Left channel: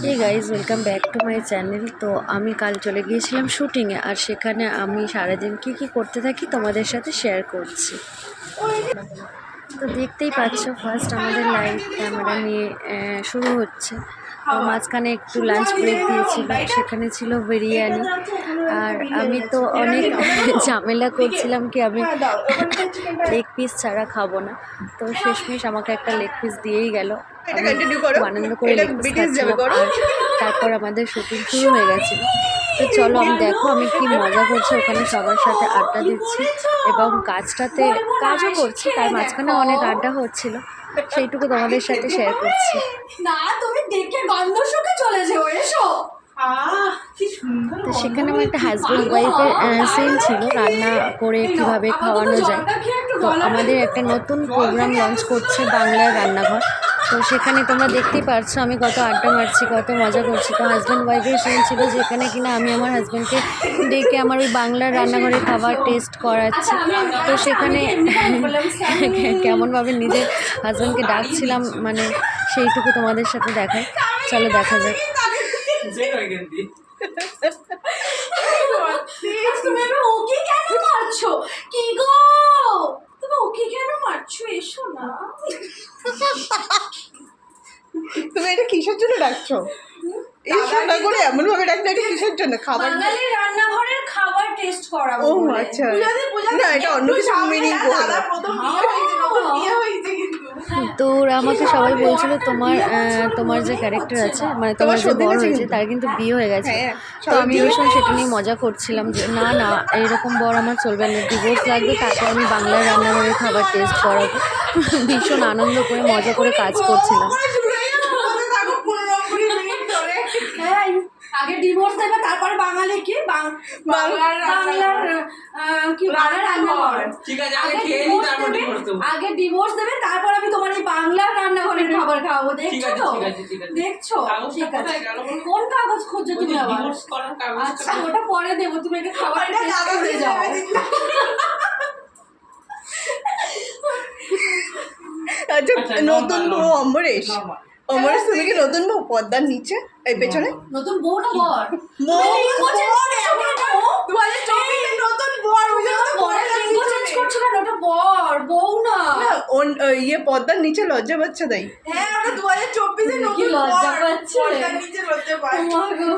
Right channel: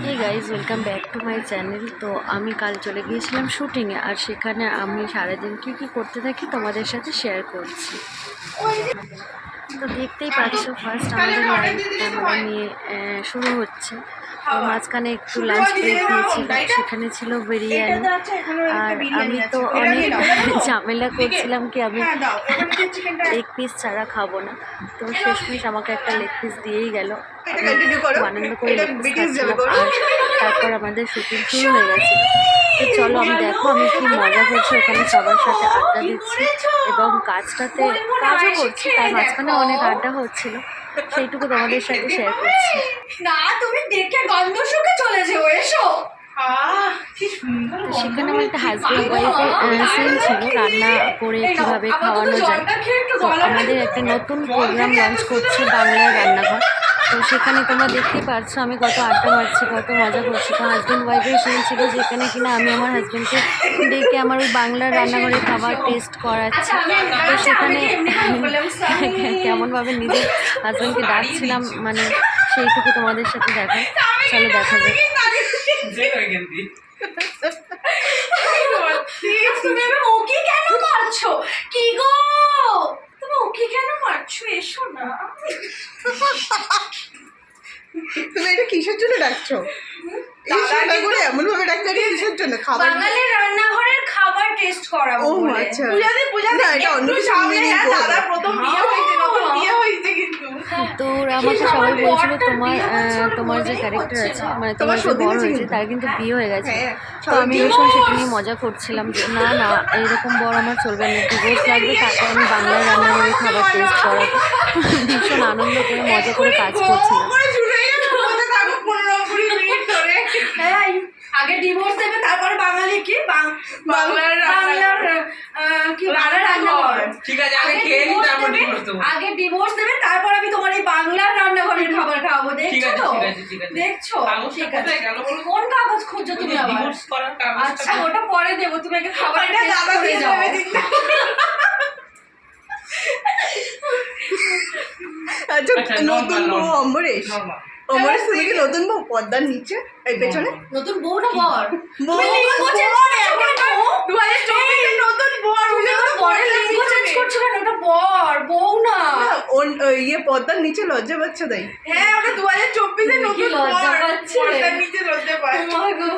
Hey guys welcome back to my channel তো আমি কাল চলে গিয়েছিলাম শুটিংয়ে আর সেখানে আমি সারাদিন কী কী করতে থাকি তোমাদের সাথে শেয়ার করছি। তো দেখতেই পাচ্ছ ফার্স্ট আমাদের লাইভ ক্যামেরা নিয়ে শুরু হচ্ছে। মাঝখানে একটু লাঞ্চ ব্রেক দিয়েছিল সেখানে ছিল বিরিয়ানি। আর আমি তো অনেক ঝামেলা করছিলাম কি আমি লেগ পিস ছাড়া খাব না। তো শেষমেশ আমাকে একটা লেগ পিস দিয়েই গেল। আনন্দ করে লেগ পিস খাচ্ছিলাম। আর তারপর আমাদের শুটিং শুরু হয়ে গেছিল। তো চলো আমি দেখো আমি কি মজা করছি। ওখানে সবার সাথে আড্ডা দিচ্ছি এবং কাজটাতে কাজও করছি। তার মাঝখানে অনেক আড্ডা হচ্ছিল। সেইটুকু তোমাদের সাথে শেয়ার করছি। না তুমি দেখে গন্ধ শুকে চলে যেও এসো। আহ কি সুন্দর তো সেখানে আমার একটা হাজব্যান্ড ওয়াইফের সিন ছিল রান্না করে কীভাবে খাওয়ানো যায়। তো আমাদের একটা নতুন প্রোগ্রাম লঞ্চ করছে বাংলায় রান্নাঘর। তো সেখানে তোমরা দেখতেই পারছ আমি কত আড্ডা মারছি কত মজা করছি। তো হাজব্যান্ড ওয়াইফের সিন ছিল যেখানে কিনা আমি আমার হাজব্যান্ডকে ডেকে আমার ওই বাংলার রান্নাঘরে খাবার টেস্ট করাচ্ছি। তো সেখানে কেমনভাবে নিজের হাজব্যান্ডকে ডাকছিলাম মানে সেইটুকু তোমাদের সাথে দেখায় চলো দেখা যাক। তুমি এবার ওকে কেন মারছো কি গো তুমি ওকে কেন মারছো এসো না তুমি এটা কিসের জন্য ডাকছো এই সোনা করে এমন ভাবে ডাকছো কিসের জন্য? খাবার বাঙালির রান্নাঘরের খাবার টেস্ট করাবো ও বলে। আচ্ছা। না এটা অন্য কিছু মিনিং করো তো ওরা আমাকে সবাই বলছিল তোমার তোমার যে ক্যারেক্টার আছে মানে তোমার যে বড় হয়েছে তার কিন্তু বিয়ে হয়ে গেছে। হ্যাঁ, তো আমি ভীষণ সেটা নিয়ে মজা করছিলাম যে না না এরকম বর আমার চলবে না ডিভোর্স লাগবে তারপর আমি বাংলার রান্নাঘরে খাবার টেস্ট করাবো। ভীষণ আনন্দ করে মজা করে কাজ করছিলাম এই, আগে ডিভোর্স দেবে তারপরে বাঙালি কি বাং- বাংলার বাংলার কি বাংলার রান্নাঘর। ঠিক আছে আগে খেয়ে নি তারপর দেবে, ডিভোর্স দেবো। আগে ডিভোর্স দেবে তারপর আমি তোমার এই বাংলার রান্নাঘরের খাবার খাওয়াবো দেখছ? তো ঠিক আছে ঠিক আছে। দেখছ? ঠিক আছে? কোন কাগজ খুঁজছো তুমি আবার? ডিভোর্স করার কাগজটা আচ্ছা ওটা পরে দেবো তুমি আগে খাবারটা টেস্ট করে যাও। আচ্ছা আচ্ছা, নতুন বউ. অমরেশ অমরেশ তুমি কি নতুন বউ? পর্দার নিচে এই পেছনে? নতুন বউ না বর? বউ করছ নতুন বর বরের লিঙ্গ চেঞ্জ করছ কেন? ওটা বর বউ না। ওই ইয়ে পর্দার নিচে লজ্জা পাচ্ছে দেয় হ্যাঁ আমরা দু হাজার চব্বিশে নতুন লজ্জা পাচ্ছে। পর্দার নিচে লজ্জা গো।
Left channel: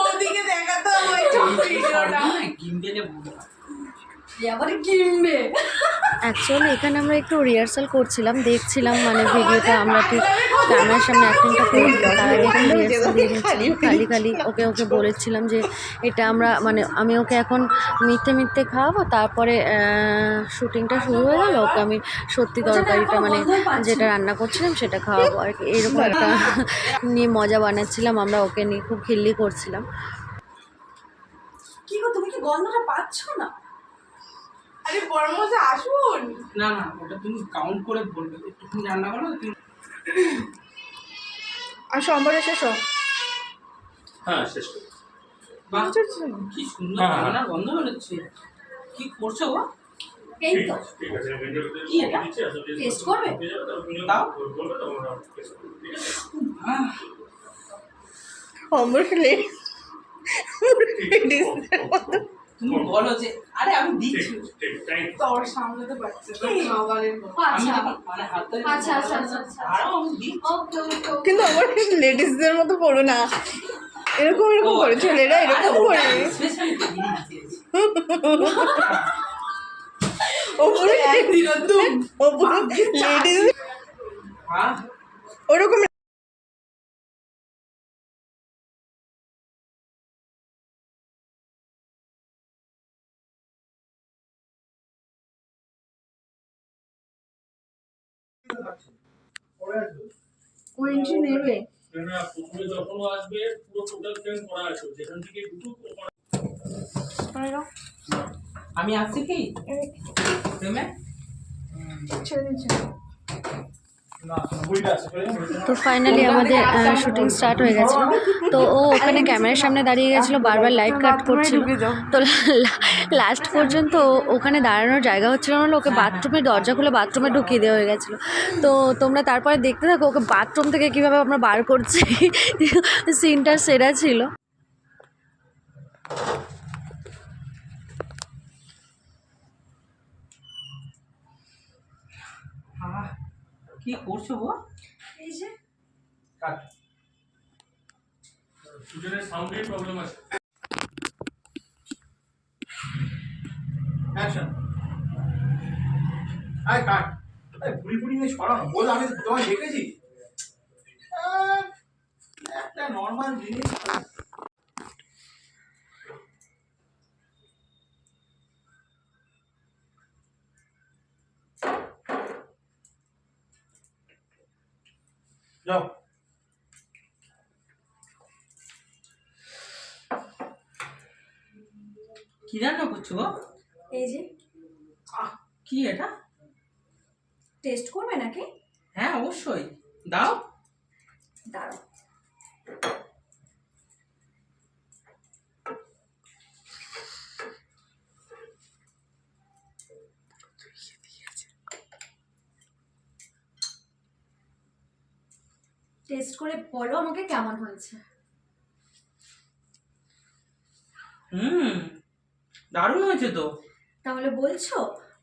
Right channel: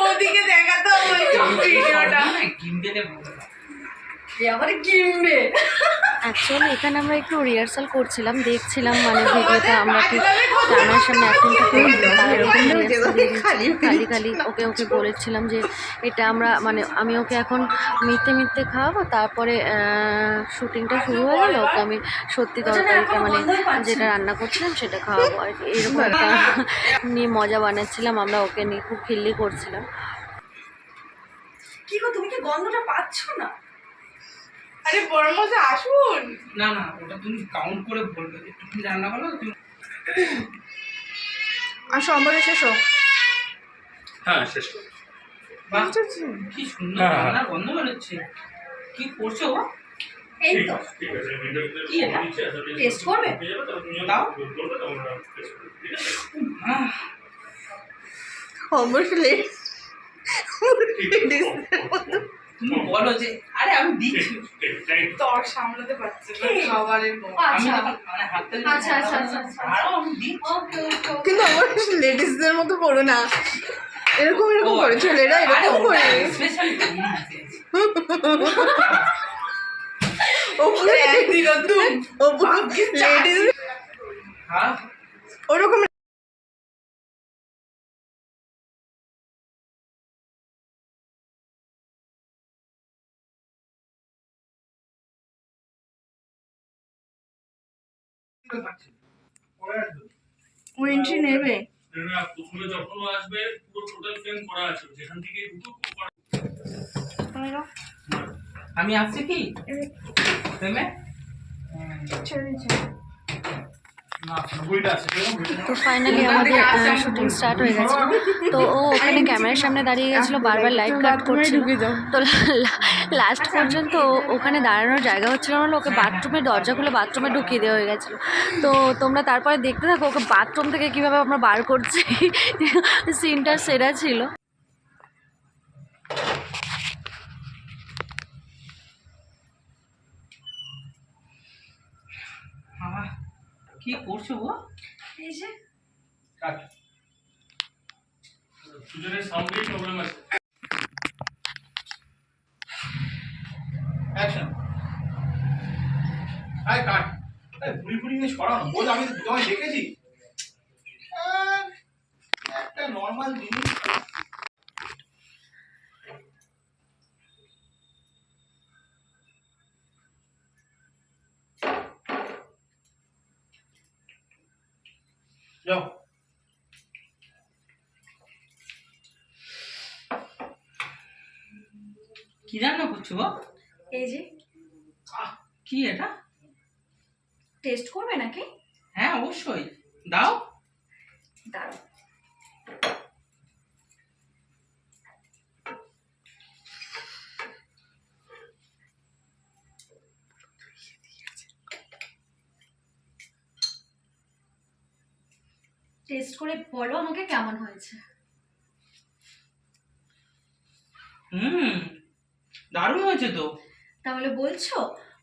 ওদিকে দেখাতে হবে ভিডিওটা। কিনবে অ্যাকচুয়ালি এখানে আমরা একটু রিহার্সাল করছিলাম দেখছিলাম মানে ভিডিওটা আমরা ঠিক ক্যামেরার সামনে অ্যাক্টিংটা এরকম খালি খালি ওকে ওকে বলেছিলাম যে এটা আমরা মানে আমি ওকে এখন মিথ্যে মিথ্যে খাওয়াবো তারপরে শুটিংটা শুরু হয়ে গেল ওকে আমি সত্যি তরকারিটা মানে যেটা রান্না করছিলাম সেটা খাওয়াবো। আর কি এইরকম একটা নিয়ে মজা বানাচ্ছিলাম আমরা ওকে নিয়ে খুব খিল্লি করছিলাম। কি গো তুমি কি গন্ধটা পাচ্ছ না? আরে বড় মজা আসুন। না না ওটা তুমি কাউন্ট করে বলবে। একটুখানি রান্না করো তুমি আসো অমরেশ এসো হ্যাঁ শেষ কি সুন্দর হ্যাঁ, হ্যাঁ। রান্নার গন্ধ বেরোচ্ছে। কি করছ গো? এই তো। কি এটা? টেস্ট করবে? দাও। অমরেশ লেট তুমি বলো যে আরে আমি দিচ্ছি. তর সামলাতে পারছে না খাবারের আমি আচ্ছা মানে হাতটা আচ্ছা, আচ্ছা, আচ্ছা, আচ্ছা। আরও আমি দিচ্ছি। ওকে ওকে কিন্তু অমরেশ লেডিসদের মতো করো না। এরকম এরকম করে ছেলেরা এরকম করে স্পেশাল ও পুরো ও পুরো লেডিস হ্যাঁ? ওরকম ও এন্ট্রি নেবে। প্রথমে যখন আসবে পুরো টোটাল ফ্রেম করা আছে। যেখান থেকে দুটো আমি আসছি কি? প্রেমে ছেড়ে দিচ্ছে। তো ফাইনালি আমাদের শুটিং স্টার্ট হয়ে গেছে। তো ও ওখানে ক্যামেরার সামনে দাঁড়িয়ে গেছিল বারবার লাইট কাট করছিল। তো লাস্ট পর্যন্ত ওখানে দাঁড়ানোর জায়গা হচ্ছিল না ওকে বাথরুমের দরজা খুলে বাথরুমে ঢুকিয়ে দেওয়া হয়ে গেছিল। তো তোমরা তারপরে দেখতে থাকো ওকে বাথরুম থেকে কীভাবে আমরা বার করছি? সিনটা সেরা ছিল। কি করছ গো? এই যে। সুজনের সাউন্ডেই প্রবলেম আছে। অ্যাকশন আরে কাট। আরে ভুড়ি ভুড়ি নিয়ে ছড়ানো। বোঝ আমি তোমায় দেখেছি। একটা নর্মাল জিনিস। যাও কি রান্না করছ গো? এই যে। আহ, কি এটা? টেস্ট করবে নাকি? হ্যাঁ অবশ্যই। দাও। দাঁড়াও। টেস্ট করে বলো আমাকে কেমন হয়েছে। হুম দারুণ হয়েছে তো। তাহলে বলছো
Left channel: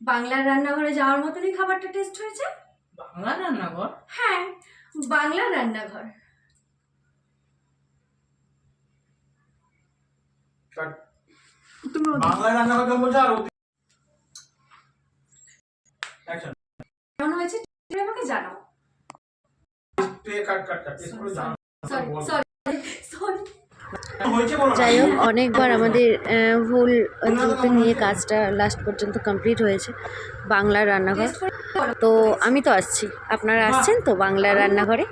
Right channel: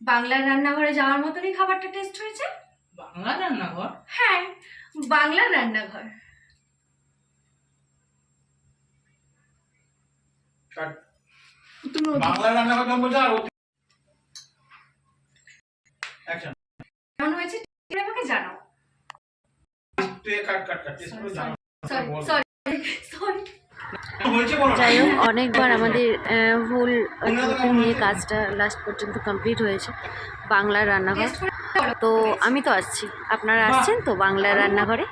বাংলার রান্নাঘরে যাওয়ার মতনই খাবারটা টেস্ট হয়েছে? বাংলা রান্নাঘর? হ্যাঁ বাংলার রান্নাঘর। কাট বাংলা রান্না কথা বলছে আর কেমন হয়েছে? আমাকে জানাও। তুই কাট কাট কাট টেস্ট করে জানা সরি সরি সরি হয়েছে বলো না। যাই হোক অনেকবার আমাদের ভুল ত্রুটি নিয়ে কাজটা লাস্ট পর্যন্ত কমপ্লিট হয়েছে বাংলা রান্নাঘর। তো আমি তো আসছি। আপনারা আসছেন তো বাংলা রান্নাঘরে?